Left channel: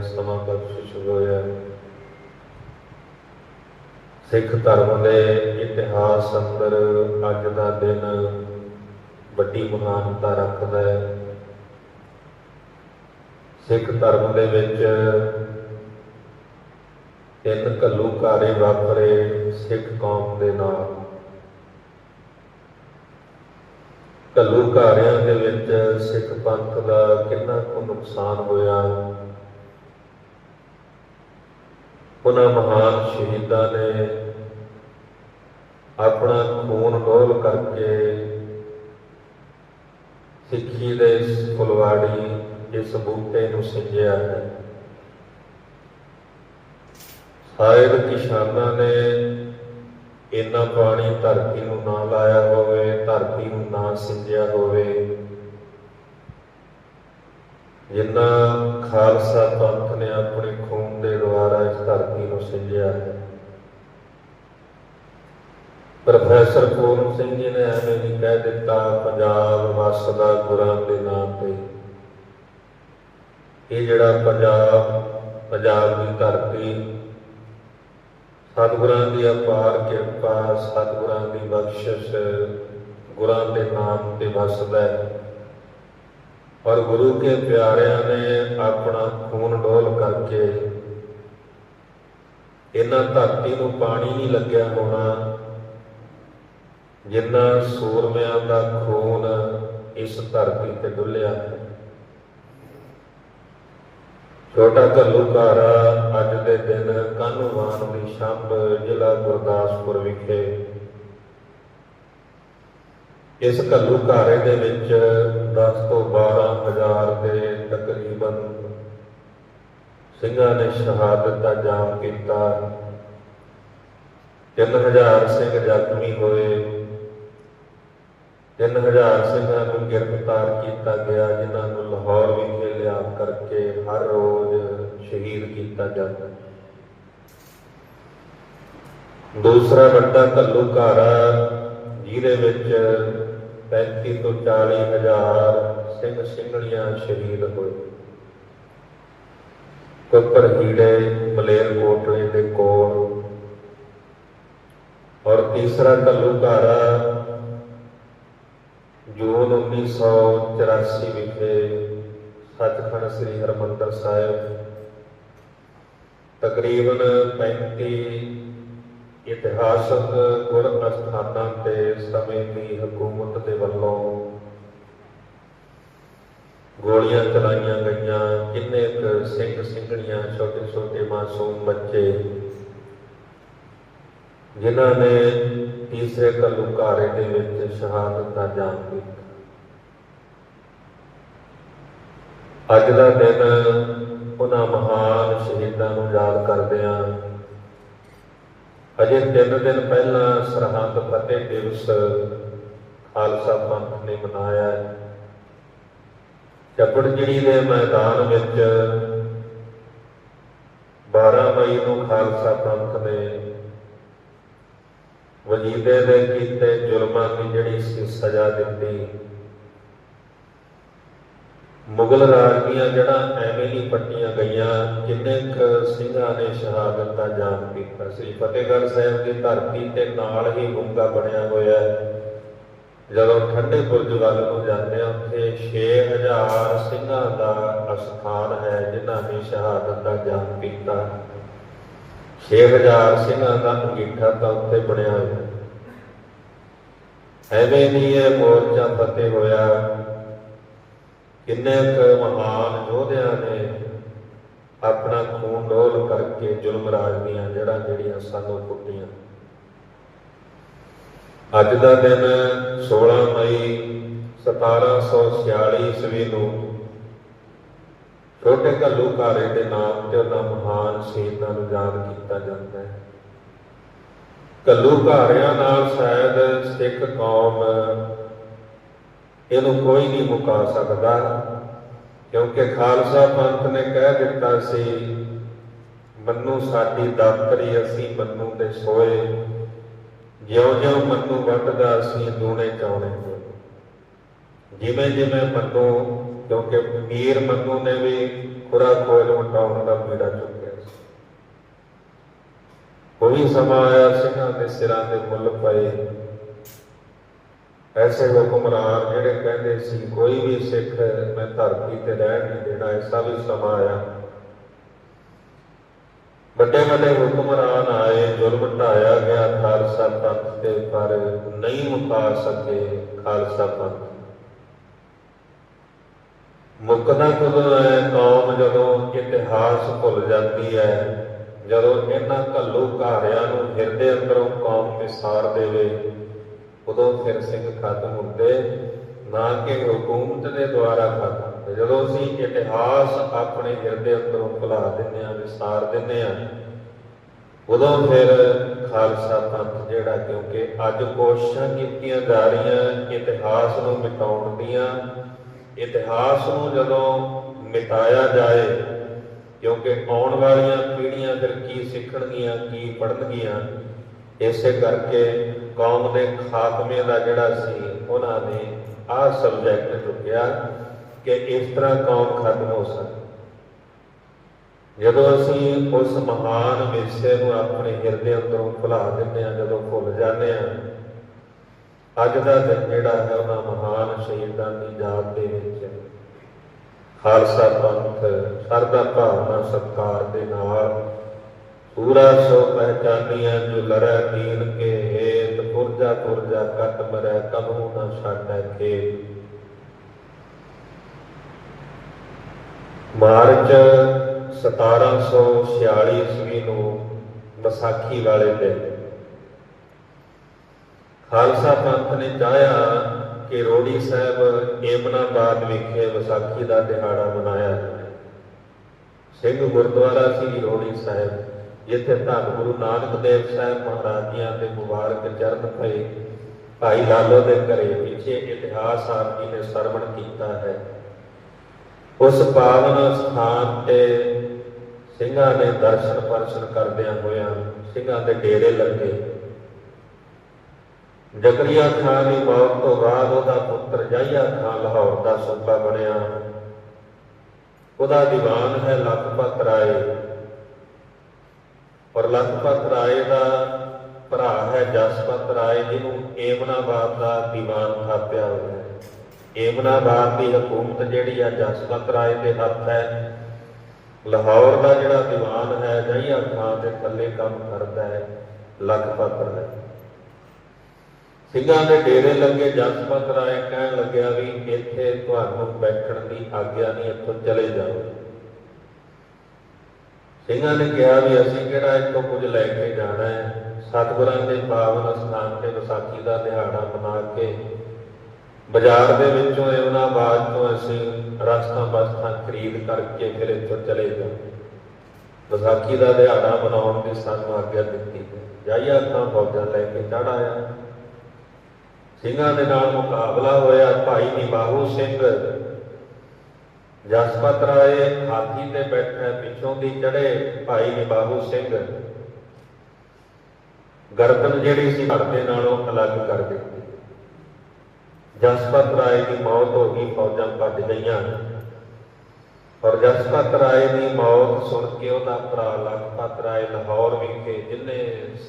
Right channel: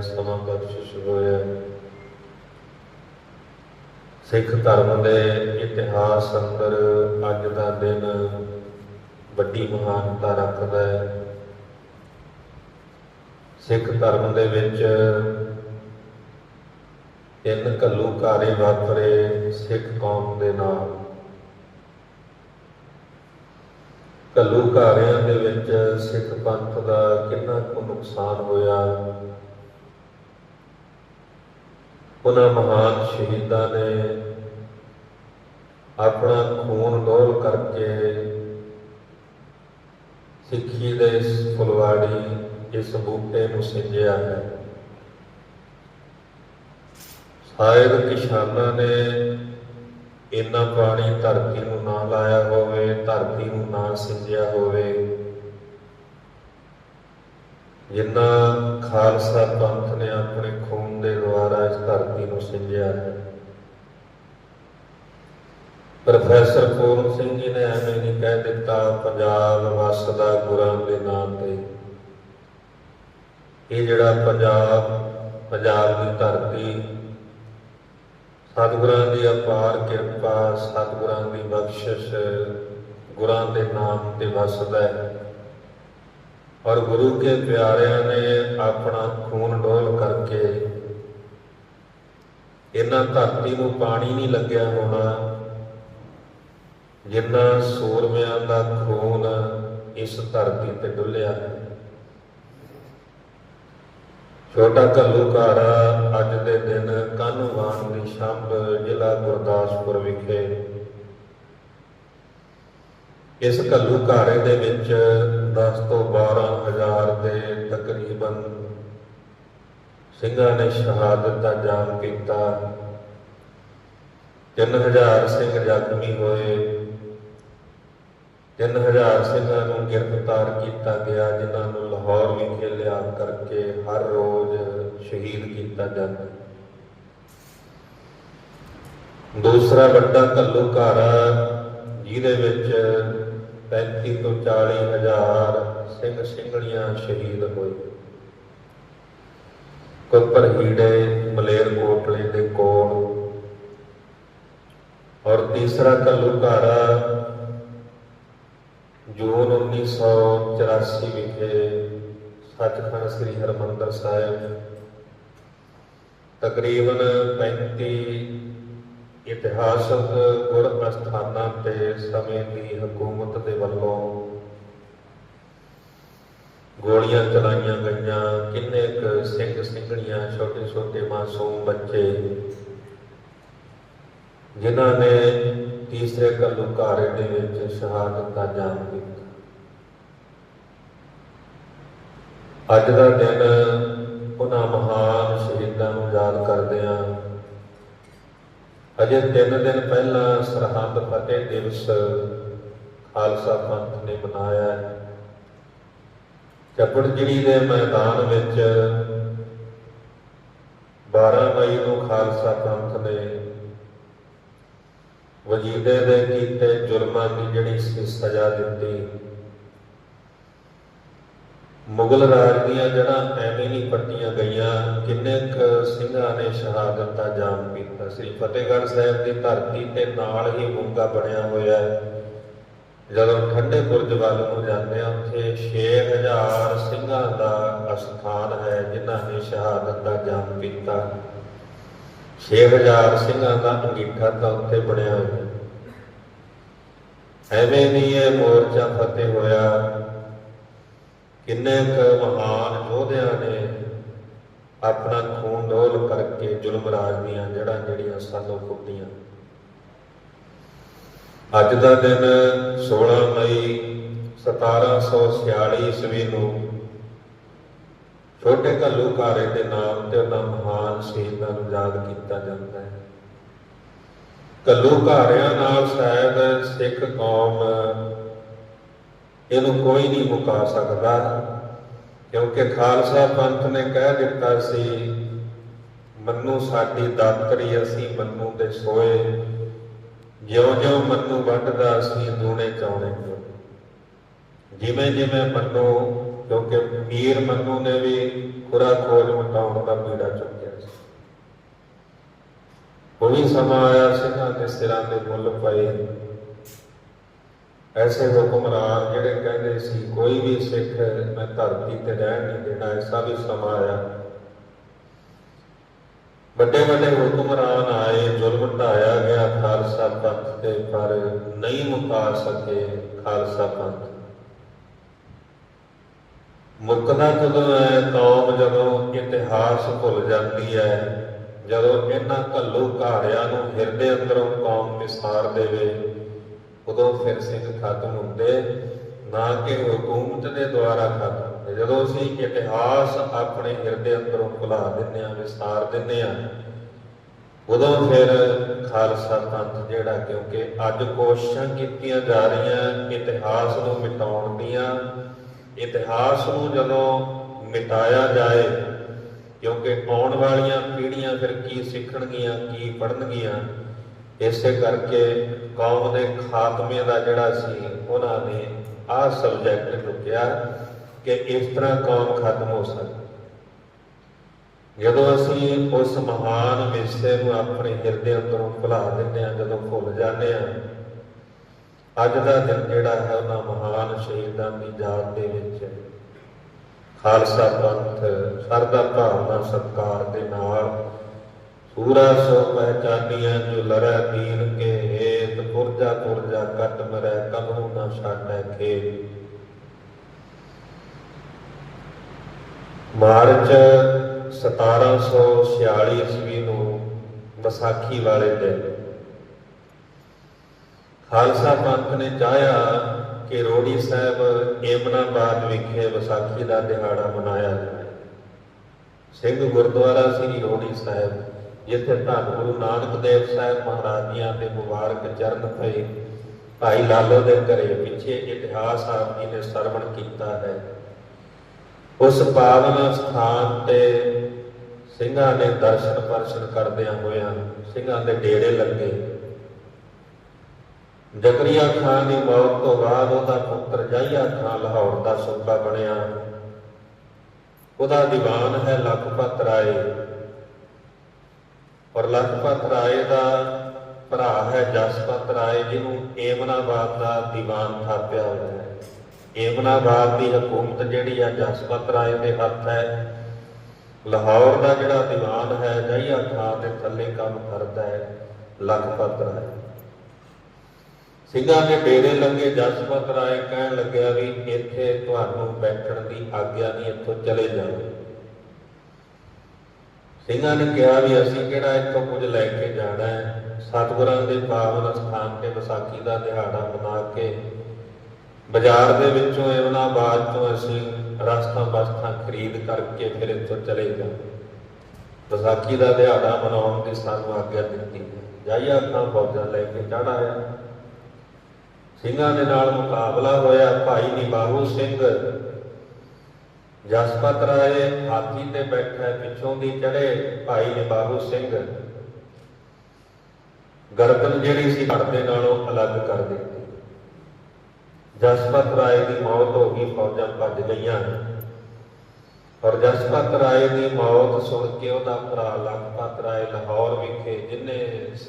ਸਮਾਂ ਬਖਸ਼ਿਸ਼ ਹੋਇਆ ਸਿੱਖ ਧਰਮ ਦੇ ਇਤਿਹਾਸ ਅੰਦਰ ਅੱਜ ਦਾ ਦਿਨ ਵੱਡੀ ਮਹਾਨਤਾ ਰੱਖਦਾ ਹੈ। ਸਿੱਖ ਧਰਮ ਦੇ ਵਿੱਚ ਤਿੰਨ ਘੱਲੂਘਾਰੇ ਵਾਪਰੇ ਸਿੱਖ ਕੌਮ ਦੇ ਨਾਲ। ਘੱਲੂਘਾਰਿਆਂ ਦੇ ਵਿੱਚ ਸਿੱਖ ਪੰਥ ਦਾ ਕਿੰਨਾ ਕੁ ਨੁਕਸਾਨ ਹੋਇਆ। ਉਹਨਾਂ ਮਹਾਨ ਸ਼ਹੀਦਾਂ ਨੇ ਆਪਣਾ ਖੂਨ ਡੋਲ ਕਰਕੇ ਸਿੱਖੀ ਦੇ ਇਸ ਫੁਲਵਾੜੀ, ਇਸ ਬੂਟੇ ਨੂੰ ਸਿੰਜਿਆ ਹੈ। ਸ਼ਾਇਦ ਕਿਸਾਨਾਂ ਨੇ ਇੰਨਾ ਪਾਣੀ ਧਰਤੀ ਨੂੰ ਨਾ ਲਾਇਆ ਹੋਵੇ, ਧਰਤੀ ਨੂੰ ਨਾ ਸਿੰਜਿਆ ਹੋਵੇ। ਜਿੰਨਾ ਖਾਲਸਾ ਪੰਥ ਨੇ ਆਪਣੇ ਖੂਨ ਦੁਆਰਾ ਇਸ ਧਰਤੀ ਨੂੰ ਸਿੰਜਿਆ ਹੈ। ਪ੍ਰੋਫੈਸਰ ਪੂਰਨ ਸਿੰਘ ਜੀ ਨੇ ਐਵੇਂ ਨਹੀਂ ਕਹਿ ਦਿੱਤਾ, ਪੰਜਾਬ ਵਸਦਾ ਗੁਰਾਂ ਦੇ ਨਾਮ ਤੇ। ਇਹ ਜਿਹੜਾ ਪੰਜਾਬ ਪੰਜਾਬ ਦੀ ਧਰਤੀ, ਸਤਿਗੁਰਾਂ ਦੀ ਅਪਾਰ ਕਿਰਪਾ, ਸਤਿਗੁਰਾਂ ਦੀ ਬਖਸ਼ਿਸ਼, ਗੁਰਾਂ ਦੇ ਨਾਮ ਤੇ ਵਸਦਾ ਹੈ। ਔਰ ਗੁਰੂ ਕੇ ਪਿਆਰਿਆਂ ਨੇ ਆਪਣਾ ਖੂਨ ਡੋਲ ਕਰਕੇ ਇਹਨਾਂ ਧਰਤੀ ਨੂੰ ਪਾਣੀ ਨਹੀਂ ਲੱਗਿਆ ਹੋਣਾ, ਜਿੰਨਾ ਸੂਰਮਿਆਂ ਦਾ ਖੂਨ ਇਸ ਧਰਤੀ ਤੇ ਡੁੱਲਿਆ। ਹੈ ਛੋਟਾ ਘੱਲੂਘਾਰਾ ਅੱਜ ਦੇ ਦਿਨ ਕਾਨੂੰਵਾਨ ਦੀ ਸ਼ੰਭ ਜ਼ਿਲ੍ਹਾ ਗੁਰਦਾਸਪੁਰ ਵਿਖੇ। ਇਸ ਘੱਲੂਘਾਰੇ ਦੇ ਵਿੱਚ 10 ਤੋਂ 12 ਹਜ਼ਾਰ ਦੇ ਤਕਰੀਬਨ ਸਿੰਘਾਂ ਨੇ ਸ਼ਹਾਦਤ ਦਾ ਜਾਮ ਕੀਤਾ। 3000 ਸਿੰਘ ਜ਼ਖਮੀ ਹੋਏ। 3000 ਸਿੰਘਾਂ ਨੂੰ ਗ੍ਰਿਫਤਾਰ ਕੀਤਾ ਗਿਆ, ਜਿਨ੍ਹਾਂ ਨੂੰ ਲਾਹੌਰ ਵਿਖੇ ਲਿਆ ਕਰਕੇ ਹਰ ਰੋਜ਼ ਸ਼ਹੀਦ ਕੀਤਾ ਜਾਂਦਾ। ਦੂਸਰਾ ਵੱਡਾ ਘੱਲੂਘਾਰਾ, ਜਿਹਦੇ ਵਿੱਚ 35 ਤੋਂ 40 ਹਜ਼ਾਰ ਸਿੰਘ ਸਿੰਘਣੀਆਂ ਸ਼ਹੀਦ ਹੋਏ। ਕੋਪਰ ਹੀੜੇ ਮਲੇਰਕੋਟਲੇ ਦੇ ਕੋਲ। ਔਰ ਤੀਸਰਾ ਘੱਲੂਘਾਰਾ, ਜੂਨ 1984 ਵਿਖੇ ਸੱਚਖੰਡ ਸ੍ਰੀ ਹਰਿਮੰਦਰ ਸਾਹਿਬ, ਤਕਰੀਬਨ 35 ਇਤਿਹਾਸਕ ਗੁਰ ਅਸਥਾਨਾਂ ਤੇ ਸਮੇਂ ਦੀ ਹਕੂਮਤ ਦੇ ਵੱਲੋਂ ਗੋਲੀਆਂ ਚਲਾਈਆਂ ਗਈਆਂ, ਕਿੰਨੇ ਕੁ ਸਿੰਘ ਸਿੰਘਣੀਆਂ, ਛੋਟੇ ਛੋਟੇ ਮਾਸੂਮ ਬੱਚੇ, ਜਿਨ੍ਹਾਂ ਨੇ ਤੀਸਰੇ ਘੱਲੂਘਾਰੇ ਦੇ ਵਿੱਚ ਸ਼ਹਾਦਤ ਦਾ ਜਾਮ ਕੀਤਾ। ਅੱਜ ਦਾ ਦਿਨ ਉਹਨਾਂ ਮਹਾਨ ਸ਼ਹੀਦਾਂ ਨੂੰ ਯਾਦ ਕਰਦੇ ਹਾਂ। ਅਜੇ ਤਿੰਨ ਦਿਨ ਪਹਿਲਾਂ ਸਰਹੰਦ ਫਤਿਹ ਦਿਵਸ ਖਾਲਸਾ ਪੰਥ ਨੇ ਮਨਾਇਆ। ਚੱਪੜਜਿੜੀ ਦੇ ਮੈਦਾਨ ਵਿੱਚ 12 ਮਈ ਨੂੰ ਖਾਲਸਾ ਪੰਥ ਨੇ ਵਜੀਦੇ ਦੇ ਕੀਤੇ ਜ਼ੁਲਮਾਂ ਦੀ ਜਿਹੜੀ ਸੀ ਸਜ਼ਾ ਦਿੱਤੀ। ਮੁਗਲ ਰਾਜ ਦੀਆਂ ਜਿਹੜਾ ਐਵੇਂ ਨਹੀਂ ਪੱਟੀਆਂ ਗਈਆਂ, ਕਿੰਨੇ ਕੁ ਸਿੰਘਾਂ ਨੇ ਸ਼ਹਾਦਤ ਦਾ ਜਾਮ ਪੀਤਾ ਸ੍ਰੀ ਫਤਿਹਗੜ੍ਹ ਸਾਹਿਬ ਦੀ ਧਰਤੀ ਤੇ ਨਾਲ ਹੀ ਮੁੰਗਾ ਬਣਿਆ ਹੋਇਆ ਹੈ। ਜਦੋਂ ਠੰਡੇ ਬੁਰਜ ਵੱਲ ਨੂੰ ਜਾਂਦੇ ਹਾਂ, ਉੱਥੇ 6000 ਸਿੰਘਾਂ ਦਾ ਅਸਥਾਨ ਹੈ, ਜਿਨ੍ਹਾਂ ਨੇ ਸ਼ਹਾਦਤ ਦਾ ਜਨਮ ਪੀਤਾ 6000 ਸਿੰਘਾਂ ਦਾ ਅੰਗੀਠਾ ਤਾਂ ਉੱਥੇ ਬਣਿਆ ਹੋਇਆ ਐਵੇਂ ਨਹੀਂ ਇਹ ਮੋਰਚਾ ਫਤਿਹ ਹੋਇਆ। ਕਿੰਨੇ ਕੁ ਮਹਾਨ ਯੋਧਿਆਂ ਨੇ ਆਪਣਾ ਖੂਨ ਡੋਲ ਕਰਕੇ ਜ਼ੁਲਮ ਰਾਜ ਦੀਆਂ ਜੜ੍ਹਾਂ ਜਿਹੜੀਆਂ ਸਾਨੂੰ ਕੁੱਟੀਆਂ। ਅੱਜ ਦਾ ਦਿਨ 16 ਮਈ 1746 ਈਸਵੀ ਨੂੰ ਛੋਟੇ ਘੱਲੂ ਘਾਰੇ ਦੇ ਨਾਮ ਤੇ ਉਹਨਾਂ ਮਹਾਨ ਸ਼ਹੀਦਾਂ ਨੂੰ ਯਾਦ ਕੀਤਾ ਜਾਂਦਾ ਹੈ। ਘੱਲੂਘਾਰਿਆਂ ਨਾਲ ਸ਼ਾਇਦ ਸਿੱਖ ਕੌਮ ਇਹਨੂੰ ਕੋਈ ਨਹੀਂ ਮੁਕਾ ਸਕਦਾ, ਕਿਉਂਕਿ ਖਾਲਸਾ ਪੰਥ ਨੇ ਕਹਿ ਦਿੱਤਾ ਸੀ, ਮੰਨੂ ਸਾਡੀ ਦਾਤਰੀ ਅਸੀਂ ਮੰਨੂ ਦੇ ਸੋਏ ਜਿਉਂ ਜਿਉਂ ਮੰਨੂ ਵੱਢਦਾ ਅਸੀਂ ਦੂਣੇ ਚਾਉਣੇ ਜਿਵੇਂ ਜਿਵੇਂ ਮੰਨੂ, ਕਿਉਂਕਿ ਮੀਰ ਮੰਨੂ ਨੇ ਵੀ ਖੁਰਾ ਖੋਜ ਮਟਾਉਣ ਦਾ ਬੀੜਾ ਚੁੱਕਿਆ ਸੀ। ਉਹ ਸਮਾਂ ਆਇਆ ਸਿੰਘਾਂ ਦੇ ਸਿਰਾਂ ਦੇ ਮੁੱਲ ਪਏ। ਐਸੇ ਹੁਕਮਰਾਨ ਜਿਹੜੇ ਕਹਿੰਦੇ ਸੀ, ਕੋਈ ਵੀ ਸਿੱਖ ਮੈਂ ਧਰਤੀ ਤੇ ਰਹਿਣ ਨਹੀਂ ਦੇਣਾ, ਐਸਾ ਵੀ ਸਮਾਂ ਆਇਆ। ਵੱਡੇ ਵੱਡੇ ਹੁਕਮਰਾਨ ਆਏ, ਜ਼ੁਲਮ ਢਾਇਆ ਗਿਆ, ਖਾਲਸਾ ਪੰਥ ਤੇ ਪਰ ਨਹੀਂ ਮੁਕਾ ਸਕੇ ਖਾਲਸਾ ਪੰਥ। ਮੁਕਦਾ ਕਦੋਂ ਹੈ ਕੌਮ ਜਦੋਂ ਇਤਿਹਾਸ ਭੁੱਲ ਜਾਂਦੀ ਹੈ, ਜਦੋਂ ਇਹਨਾਂ ਘੱਲੂ ਘਾਰਿਆਂ ਨੂੰ ਹਿਰਦੇ ਅੰਦਰੋਂ ਕੌਮ ਵਿਸਾਰ ਦੇਵੇ, ਉਦੋਂ ਫਿਰ ਸਿੰਘ ਖਤਮ ਹੁੰਦੇ, ਨਾ ਕਿ ਹਕੂਮਤ ਦੇ ਦੁਆਰਾ ਖਤਮ। ਹੁੰਦੇ ਜਦੋਂ ਅਸੀਂ ਇਤਿਹਾਸ ਆਪਣੇ ਹਿਰਦੇ ਅੰਦਰੋਂ ਭੁਲਾ ਦਿੰਦੇ ਆ ਵਿਸਾਰ ਦਿੰਦੇ ਆ ਉਦੋਂ ਫਿਰ ਖਾਲਸਾ ਪੰਥ ਜਿਹੜਾ, ਕਿਉਂਕਿ ਅੱਜ ਕੋਸ਼ਿਸ਼ਾਂ ਕੀਤੀਆਂ ਜਾ ਰਹੀਆਂ, ਇਤਿਹਾਸ ਨੂੰ ਮਿਟਾਉਣ ਦੀਆਂ, ਇਤਿਹਾਸ ਨੂੰ ਜਦੋਂ ਮਿਟਾਇਆ ਜਾਏ, ਕਿਉਂਕਿ ਆਉਣ ਵਾਲੀਆਂ ਪੀੜ੍ਹੀਆਂ ਫਿਰ ਕੀ ਸਿੱਖਣਗੀਆਂ, ਕੀ ਪੜ੍ਹਨਗੀਆਂ, ਇਸੇ ਕਰਕੇ ਕੌਮ ਦੇ ਖਾਤਮੇ ਦਾ ਜਿਹੜਾ ਸੀ, ਉਹਨਾਂ ਨੇ ਆਹ ਸਬਜੈਕਟ ਚੁੱਕਿਆ। ਕਿ ਇਸ ਤਰ੍ਹਾਂ ਕੌਮ ਖਤਮ ਹੋ ਸਕਦੀ। ਜਦੋਂ ਅਸੀਂ ਉਸ ਮਹਾਨ ਵਿਰਸੇ ਨੂੰ ਆਪਣੇ ਹਿਰਦੇ ਅੰਦਰੋਂ ਭੁਲਾ ਦਿੰਦੇ ਹਾਂ, ਜਦੋਂ ਭੁੱਲ ਜਾਂਦੇ ਹਾਂ, ਅੱਜ ਦਾ ਦਿਨ ਜਿਹੜਾ ਹੈ ਉਹਨਾਂ ਮਹਾਨ ਸ਼ਹੀਦਾਂ ਦੀ ਯਾਦ ਦੇ ਵਿੱਚ ਖਾਲਸਾ ਪੰਥ, ਸਰਦਾ ਭਾਵਨਾ ਸਤਕਾਰ ਦੇ ਨਾਲ ਪੂਰਾ ਸੋ ਪਹਿਚਾਨੀਆਂ ਜੋ ਲੜੈ ਦੀਨ ਕੇ ਹੇਤ ਪੁਰਜਾ ਪੁਰਜਾ ਕਟ ਮਰੈ, ਕਨੂ ਨਾ ਛਾਟੈ ਕੇ ਮਾਰਚ 1746 ਈਸਵੀ ਨੂੰ ਵਿਸਾਖੀ ਵਾਲੇ ਦਿਨ ਖਾਲਸਾ ਪੰਥ ਨੇ ਚਾਹਿਆ ਕਿ ਰੋੜੀ ਸਾਹਿਬ ਏਮਨਾਬਾਦ ਵਿਖੇ ਵਿਸਾਖੀ ਦਾ ਦਿਹਾੜਾ ਮਨਾਇਆ ਜਾਏ ਸਿੰਘ ਗੁਰਦੁਆਰਾ ਸ੍ਰੀ ਰੋੜੀ ਸਾਹਿਬ, ਜਿੱਥੇ ਧੰਨ ਗੁਰੂ ਨਾਨਕ ਦੇਵ ਸਾਹਿਬ ਮਹਾਰਾਜ ਜੀਆਂ ਦੇ ਮੁਬਾਰਕ ਚਰਨ ਪਏ ਭਾਈ ਲਾਲੋ ਦੇ ਘਰੇ ਪਿੱਛੇ ਇਤਿਹਾਸ ਆਪ ਜੀ ਨੇ ਸਰਵਣ ਕੀਤਾ ਹੈ। ਉਸ ਪਾਵਨ ਸਥਾਨ ਤੇ ਸਿੰਘਾਂ ਦੇ ਦਰਸ਼ਨ ਪਰਸ਼ਨ ਕਰਦਿਆਂ ਹੋਇਆਂ ਸਿੰਘਾਂ ਦੇ ਡੇਰੇ ਲੱਗੇ। ਜ਼ਕਰੀਆ ਖਾਨ ਦੀ ਮੌਤ ਤੋਂ ਬਾਅਦ ਉਹਦਾ ਪੁੱਤਰ ਜਾਹੀਆ ਖਾਨ ਲਾਹੌਰ ਦਾ ਸੂਬਾ ਬਣਿਆ। ਉਹਦਾ ਦੀਵਾਨ ਹੈ ਲਖਪਤ ਰਾਏ। ਔਰ ਲਖਪਤ ਰਾਏ ਦਾ ਭਰਾ ਹੈ ਜਸਪਤ ਰਾਏ, ਜਿਹਨੂੰ ਏਮਨਾਬਾਦ ਦਾ ਦੀਵਾਨ ਥਾਪਿਆ ਹੋਇਆ ਹੈ। ਏਮਨਾਬਾਦ ਦੀ ਹਕੂਮਤ ਜਿਹੜੀ ਆ ਜਸਪਤ ਰਾਏ ਦੇ ਹੱਥ ਹੈ। ਲਾਹੌਰ ਦਾ ਜਿਹੜਾ ਦੀਵਾਨ ਹੈ ਜਹੀਆ ਖਾਨ ਦੇ ਥੱਲੇ ਕੰਮ ਕਰਦਾ ਹੈ ਲਖਪਤ ਰਾਏ ਸਿੰਘਾਂ ਦੇ ਡੇਰੇ ਲੱਗੇ ਜਸਪਤ ਰਾਏ ਕਹਿਣ ਲੱਗਿਆ ਵੀ ਇੱਥੇ ਤੁਹਾਨੂੰ ਬੈਠਣ ਦੀ ਆਗਿਆ ਨਹੀਂ, ਇੱਥੋਂ ਚਲੇ ਜਾਓ। ਸਿੰਘਾਂ ਨੇ ਕਿਹਾ ਵੀ ਅਸੀਂ ਕਿਹੜਾ ਇੱਥੋਂ ਕੁਝ ਲੈ ਕੇ ਜਾਣਾ ਹੈ? ਸਤਿਗੁਰਾਂ ਦੇ ਪਾਵਨ ਸਥਾਨ ਤੇ ਵਿਸਾਖੀ ਦਾ ਦਿਹਾੜਾ ਮਨਾ ਕੇ ਬਾਜ਼ਾਰ ਦੇ ਵਿੱਚੋਂ ਇਹਨਾਂ ਬਾਅਦ ਤੋਂ ਅਸੀਂ ਰਸਤਾ ਬਸਤਾ ਖਰੀਦ ਕਰਕੇ ਫਿਰ ਇੱਥੋਂ ਚਲੇ ਜਾਓ ਵਿਸਾਖੀ ਦਾ ਦਿਹਾੜਾ ਮਨਾਉਣ ਦੀ ਸਾਨੂੰ ਆਗਿਆ ਦਿੱਤੀ। ਜਾਈਆ ਖਾਂ ਫੌਜਾਂ ਲੈ ਕੇ ਚੜ੍ਹ ਆਇਆ। ਸਿੰਘਾਂ ਦੇ ਨਾਲ ਮੁਕਾਬਲਾ ਹੋਇਆ। ਭਾਈ ਨਿਬਾਹੂ ਸਿੰਘ ਜਸਪਤ ਰਾਏ ਹਾਥੀ ਤੇ ਬੈਠਾ ਪਿੱਛੋਂ ਦੀ ਚੜੇ ਭਾਈ ਨਿਬਾਹੂ ਸਿੰਘ। ਗਰਦਨ ਜਿਹੜੀ ਸੀ ਘੜ ਦੇ ਨਾਲੋਂ ਅਲੱਗ ਕਰ ਦਿੱਤੀ। ਜਸਪਤ ਰਾਏ ਦੀ ਮੌਤ ਹੋ ਗਈ, ਫੌਜਾਂ ਭੱਜ ਗਈਆਂ। ਔਰ ਜਸਪਤ ਰਾਏ ਦੀ ਮੌਤ ਸੁਣ ਕੇ ਉਹਦਾ ਭਰਾ ਲਖਪਤ ਰਾਏ ਲਾਹੌਰ ਵਿਖੇ, ਜਿੰਨੇ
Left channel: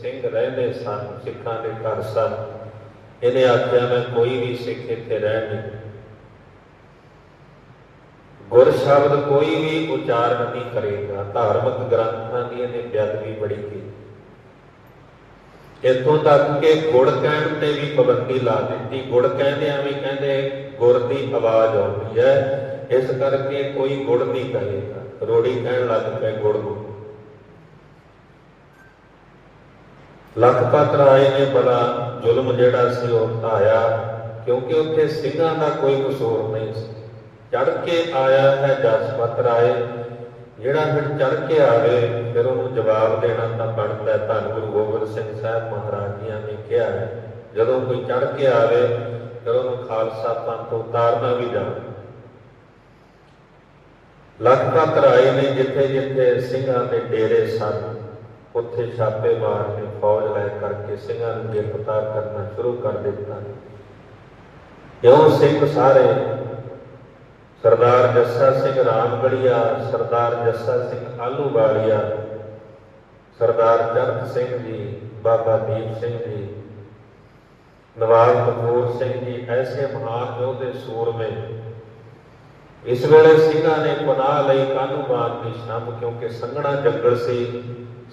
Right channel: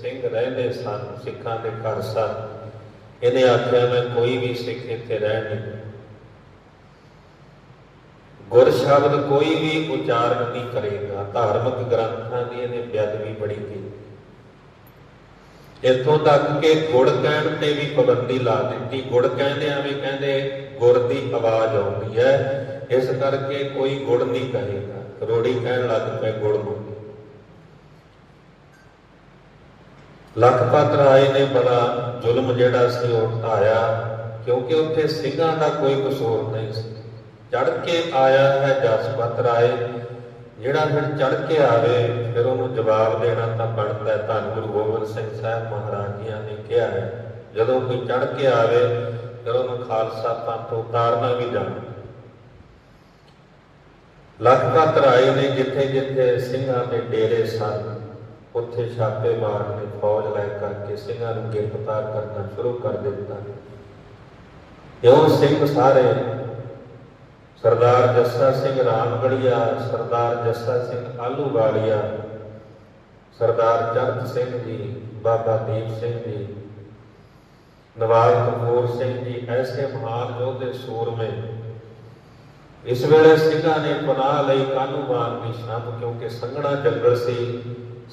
ਸਿੰਘ ਰਹਿੰਦੇ ਸਨ, ਸਿੱਖਾਂ ਦੇ ਘਰ ਸਨ, ਇਹਨੇ ਆਖਿਆ, ਮੈਂ ਕੋਈ ਵੀ ਸਿੱਖ ਇੱਥੇ ਰਹਿ ਨਹੀਂ ਗੁਰ ਸ਼ਬਦ ਕੋਈ ਵੀ ਉਚਾਰਨ ਨਹੀਂ ਕਰੇਗਾ। ਧਾਰਮਿਕ ਗ੍ਰੰਥਾਂ ਦੀ ਇਹਨੇ ਬੇਅਦਬੀ ਬੜੀ ਕੀਤੀ। ਇੱਥੋਂ ਤੱਕ ਕਿ ਗੁੜ ਕਹਿਣ ਤੇ ਵੀ ਪਾਬੰਦੀ ਲਾ ਦਿੱਤੀ। ਗੁੜ ਕਹਿੰਦੇ ਐਵੇਂ ਕਹਿੰਦੇ, ਗੁੜ ਦੀ ਆਵਾਜ਼ ਆਉਂਦੀ ਹੈ। ਇਸ ਕਰਕੇ ਕੋਈ ਗੁੜ ਨਹੀਂ ਕਹੇਗਾ ਰੋੜੀ ਕਹਿਣ ਲੱਗ ਪਏ ਗੁੜ ਨੂੰ। ਲਖਪਤ ਰਾਏ ਨੇ ਬੜਾ ਜ਼ੁਲਮ ਜਿਹੜਾ ਸੀ, ਉਹ ਢਾਇਆ ਕਿਉਂਕਿ ਉੱਥੇ ਸਿੰਘਾਂ ਦਾ ਕੋਈ ਕਸੂਰ ਨਹੀਂ ਸੀ। ਚੜ ਕੇ ਆਇਆ ਹੈ ਜਸਪਤ ਰਾਏ। ਜਿਹੜਾ ਫਿਰ ਚੜ ਕੇ ਆਵੇ, ਫਿਰ ਉਹਨੂੰ ਜਵਾਬ ਦੇਣਾ ਤਾਂ ਬਣਦਾ। ਧੰਨ ਗੁਰੂ ਗੋਬਿੰਦ ਸਿੰਘ ਸਾਹਿਬ ਮਹਾਰਾਜ ਜੀਆਂ ਨੇ ਕਿਹਾ ਜਦੋਂ ਕੋਈ ਚੜ ਕੇ ਆਵੇ, ਫਿਰ ਉਹਨੂੰ ਖਾਲਸਾ ਪੰਥ ਉਤਾਰਨਾ ਵੀ ਜਾਣਾ ਲਖਪਤ ਰਾਏ ਨੇ ਜਿੱਥੇ ਜਿੱਥੇ ਸਿੰਘਾਂ ਦੇ ਡੇਰੇ ਸਨ, ਉੱਥੇ ਛਾਪੇ ਮਾਰਨੇ, ਫੌਜ ਲੈ ਕਰਕੇ ਸਿੰਘਾਂ ਨੂੰ ਗ੍ਰਿਫਤਾਰ ਕਰਨਾ ਸ਼ੁਰੂ ਕਰ ਦਿੱਤਾ। ਕਿਉਂ? ਸਿੰਘ ਸਾਰੇ ਸਰਦਾਰ ਜੱਸਾ ਸਿੰਘ ਰਾਮਗੜੀਆ, ਸਰਦਾਰ ਜੱਸਾ ਸਿੰਘ ਆਲੂਵਾਲੀਆ, ਸਰਦਾਰ ਚਰਤ ਸਿੰਘ ਜੀ, ਬਾਬਾ ਦੀਪ ਸਿੰਘ ਜੀ ਨਵਾਬ ਕਪੂਰ ਸਿੰਘ ਜੀ, ਐਸੇ ਮਹਾਨ ਯੋਧੇ ਸੂਰਮੇ। ਇਸ ਵੇਲੇ ਸਿੰਘਾਂ ਨੇ ਪਨਾਹ ਲਈ ਕਾਨੂੰਵਾਨ ਦੀ ਸ਼ਾਮ ਕਿਉਂਕਿ ਸੰਘਣਾ ਜੰਗਲ ਸੀ,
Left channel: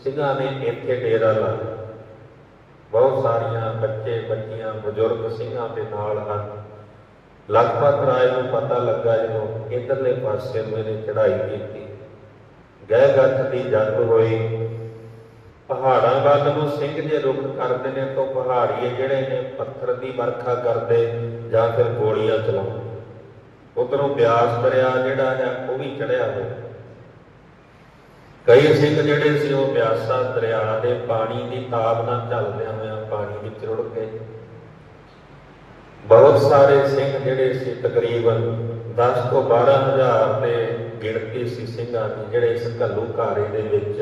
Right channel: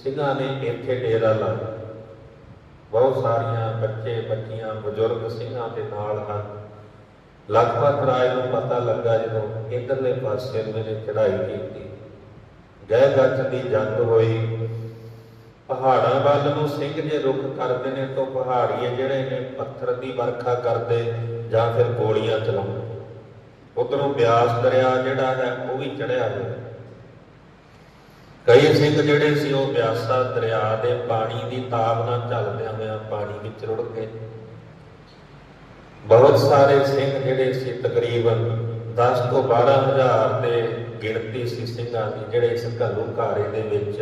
ਸਿੰਘਾਂ ਨੇ ਇੱਥੇ ਡੇਰਾ ਲਾਇਆ। ਬਹੁਤ ਸਾਰੀਆਂ ਬੱਚੇ ਬੱਚੀਆਂ ਬਜ਼ੁਰਗ ਸਿੰਘਾਂ ਦੇ ਨਾਲ ਹਨ। ਲਖਪਤ ਰਾਏ ਨੂੰ ਪਤਾ ਲੱਗਾ ਜਦੋਂ ਇਧਰਲੇ ਪਾਸੇ ਮੇਰੇ ਚੜ੍ਹਾਈ ਕੀਤੀ। ਗਹਿ ਗੱਠ ਦੀ ਜੰਗ ਹੋਈ। ਪਹਾੜਾਂ ਵੱਲ ਨੂੰ ਸਿੰਘ ਜੇ ਰੁਖ ਕਰਦੇ ਨੇ ਤਾਂ ਪਹਾੜੀਏ ਜਿਹੜੇ ਨੇ ਪੱਥਰ ਦੀ ਵਰਖਾ ਕਰਦੇ ਜਾਂ ਫਿਰ ਗੋਲੀਆਂ ਚਲਾਉਂਦੇ। ਉਧਰੋਂ ਬਿਆਸ ਦਰਿਆ ਜਿਹੜਾ ਹੈ ਉਹ ਵੀ ਚੜਿਆ ਹੋਇਆ। ਕਈ ਸਿੰਘ ਜਿਹੜੇ ਸੀ ਉਹ ਬਿਆਸਾ ਦਰਿਆ ਦੇ ਪਾਣੀ ਦੀ ਤਾਬ ਨਾਲ ਚੱਲਦਿਆਂ ਹੋਇਆਂ ਪਾਣੀ ਵਿੱਚ ਰੁੜ ਗਏ ਬਹੁਤ ਸਾਰੇ ਸਿੰਘ ਜਿਹੜੇ ਸੀ ਤਕਰੀਬਨ 10 ਤੋਂ 12 ਹਜ਼ਾਰ ਦੇ ਗਿਣਤੀ ਸੀ ਸਿੰਘਾਂ ਦੀ, ਜਿਹੜੇ ਇਸ ਘੱਲੂ ਘਾਰੇ ਦੇ ਵਿੱਚ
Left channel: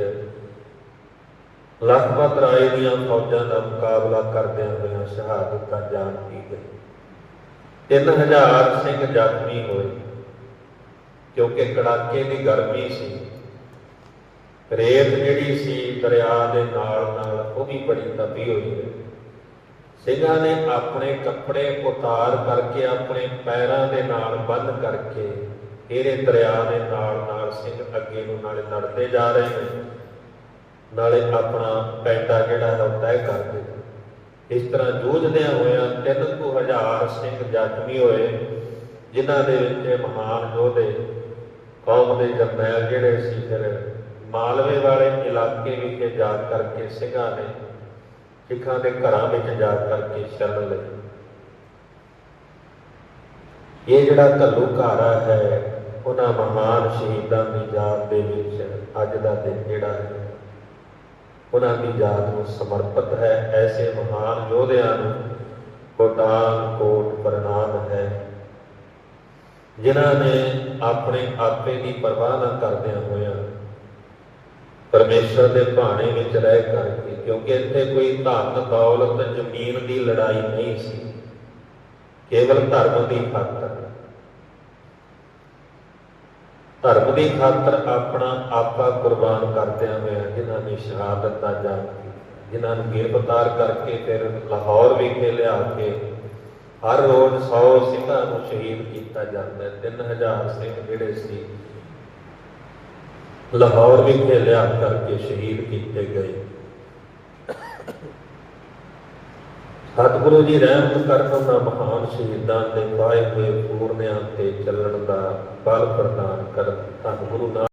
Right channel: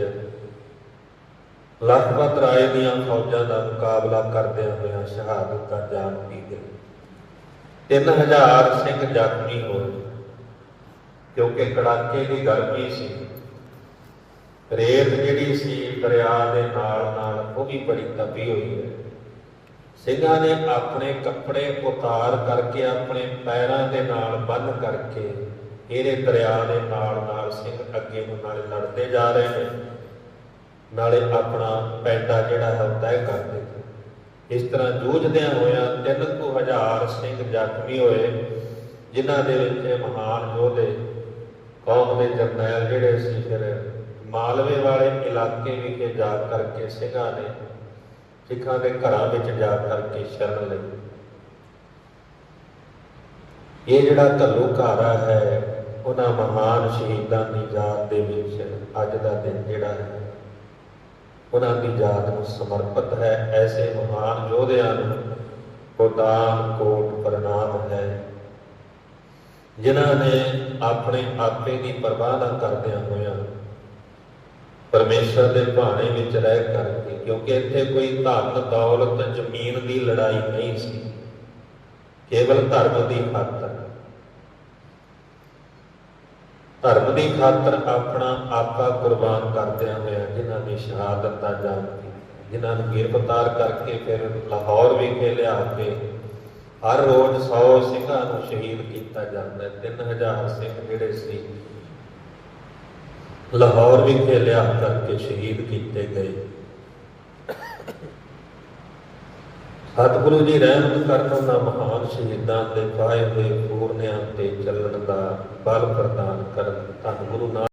ਲਖਪਤ ਰਾਏ ਦੀਆਂ ਫੌਜਾਂ ਦਾ ਮੁਕਾਬਲਾ ਕਰਦਿਆਂ ਹੋਇਆਂ ਸ਼ਹਾਦਤ ਦਾ ਜਾਮ ਪੀ ਗਏ। 3000 ਸਿੰਘ ਜ਼ਖਮੀ ਹੋਏ, ਕਿਉਂਕਿ ਕੜਾਕੇ ਦੀ ਗਰਮੀ ਸੀ? ਰੇਤ ਜਿਹੜੀ ਸੀ ਦਰਿਆ ਦੇ ਨਾਲ ਨਾਲ ਉਹ ਵੀ ਬੜੀ ਤਪੀ ਹੋਈ ਹੈ। ਸਿੰਘਾਂ ਨੇ ਆਪਣੇ ਕੱਪੜੇ ਉਤਾਰ ਕਰਕੇ, ਆਪਣੇ ਪੈਰਾਂ ਦੇ ਨਾਲ ਬੰਨ ਕਰਕੇ ਇਹਦੇ ਦਰਿਆ ਦੇ ਨਾਲ ਨਾਲ ਸਿੰਘ ਅੱਗੇ ਨੂੰ ਨਾਲੇ ਲੜਦੇ ਜਾ ਰਹੇ ਨੇ। ਨਾਲੇ ਆਪਣਾ ਪੈਂਡਾ ਜਿਹੜਾ ਹੈ ਤੈਅ ਕਰਦੇ ਇਸ ਤਰ੍ਹਾਂ ਜੂਝਦਿਆਂ ਹੋਇਆਂ ਤਿੰਨ ਕੁ ਹਜ਼ਾਰ ਸਿੰਘ ਜ਼ਖਮੀ ਹੋਏ, ਜਿਨ੍ਹਾਂ ਦੇ ਵਿੱਚ ਮਹਾਨ ਯੋਧੇ, ਕੌਮ ਦੇ ਜਰਨੈਲ ਜਿਹੜੇ ਸੀ, ਫਿਰ ਮਾਲਵੇ ਵਾਲੇ ਇਲਾਕੇ ਵਿਖੇ ਜਾ ਕਰਕੇ ਸਿੰਘਾਂ ਨੇ ਸਿੱਖਾਂ ਦੇ ਘਰਾਂ ਵਿੱਚ ਜਾ ਕਰਕੇ ਸ਼ਰਨ ਲਈ। ਇਹ ਜਿਹੜਾ ਘੱਲੂ ਹੈ, ਉਹਨਾਂ ਮਹਾਨ ਸ਼ਹੀਦਾਂ ਦੀ ਯਾਦ ਦੇ ਵਿੱਚ ਅੱਜ ਦਾ ਦਿਨ ਜਿਹੜਾ ਹੈ, ਉਹਨਾਂ ਦੀ ਯਾਦ ਨੂੰ ਸਮਰਪਿਤ ਹੈ। ਐਸੇ ਮਹਾਨ ਯੋਧਿਆਂ ਨੂੰ ਕੋਟਾਨ ਕੋਟ ਪ੍ਰਣਾਮ ਹੈ। ਜਿਨ੍ਹਾਂ ਨੇ ਆਪਣੇ ਆਪੇ ਦੀ ਪਰਵਾਹ ਨਾ ਕਰਦਿਆਂ ਹੋਇਆਂ ਪਰਮੇਸ਼ਰ ਦੇ ਭਾਣੇ ਵਿੱਚ ਰਹਿ ਕਰਕੇ, ਕਿਉਂਕਿ ਇੱਥੇ ਕੋਈ ਧਨ ਦੌਲਤ, ਜ਼ਮੀਨ ਦੀ ਲੜਾਈ ਨਹੀਂ ਸੀ। ਕੇਵਲ ਧਰਮ ਦੀ ਖਾਤਰ। ਧਰਮ ਦੀ ਖਾਤਰ ਆਪਣਾ ਆਪਾ ਕੁਰਬਾਨ ਕਰਦਿਆਂ ਹੋਇਆ ਜਿਨ੍ਹਾਂ ਨੇ ਸ਼ਹਾਦਤ ਦਾ ਜਾਨ ਜਿਨ੍ਹਾਂ ਨੂੰ ਗ੍ਰਿਫਤਾਰ ਕਰਕੇ ਫਿਰ ਲਾਹੌਰ ਵਿਖੇ ਲਿਆ ਕੇ ਹਰ ਰੋਜ਼ 100 ਸਿੰਘਾਂ ਨੂੰ ਸ਼ਹੀਦ ਕੀਤਾ ਜਾਂਦਾ ਹੈ। 3000 ਸਿੰਘ ਜਿਹੜੇ ਸੀ ਲਾਹੌਰ ਵਿਖੇ ਲਿਆ ਕਰਕੇ ਸ਼ਹੀਦ ਕੀਤੇ ਗਏ। ਸਤਿਗੁਰੂ ਜੀ ਰਹਿਮਤ ਕਰਨ ਉਹਨਾਂ ਮਹਾਨ ਸ਼ਹੀਦਾਂ ਤੇ ਪਾਏ ਹੋਏ ਪੂਰਨਿਆਂ ਤੇ ਚੱਲਣ ਦਾ ਬਲ ਪ੍ਰਦਾਨ ਕਰਨ। ਸਤਿਗੁਰੂ